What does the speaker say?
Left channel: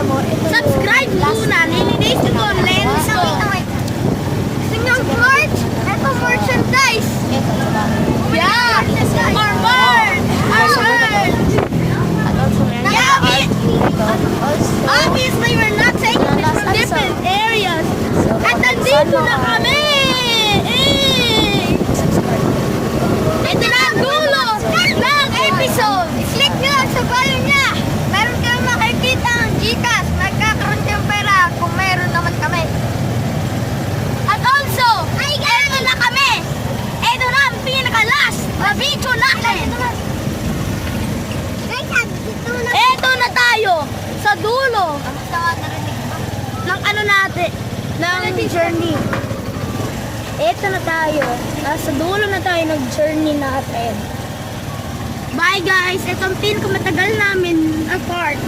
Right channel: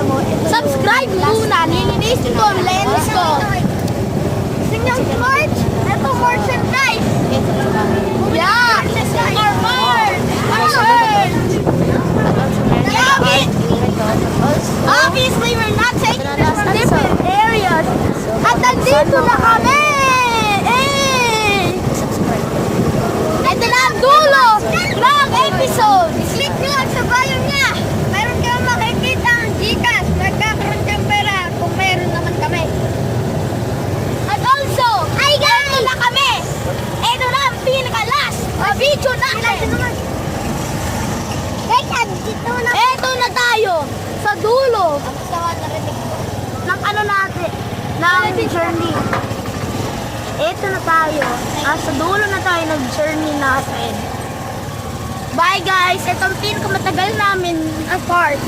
Nakita mo, ito yung Subscribe last muna. na Nilinis ko. Lens ko. Single part. Ito merchandise. ito sa bahay. Yeah. Merchandise. At also meron na Yeah, art dito. Also, Obviously, we're not taking Ito na last different episode. areas. So, At nandito na kami! Eh! subscribe. Ito na ang dulo ng episode! Click nyo sa volume niya! Meron kang makikita ang Gcash. Magkakaroon kang pera kung meron naman kami. At also, ito na kami! Ito na ang pinaka-last na video natin! Ito na tayo sa dulo ng ano natin, ng journey. Ito na tayo. Sa dulo na tayo nag-journey natin. Bye guys! Ito ang pinakamatagal namin na part.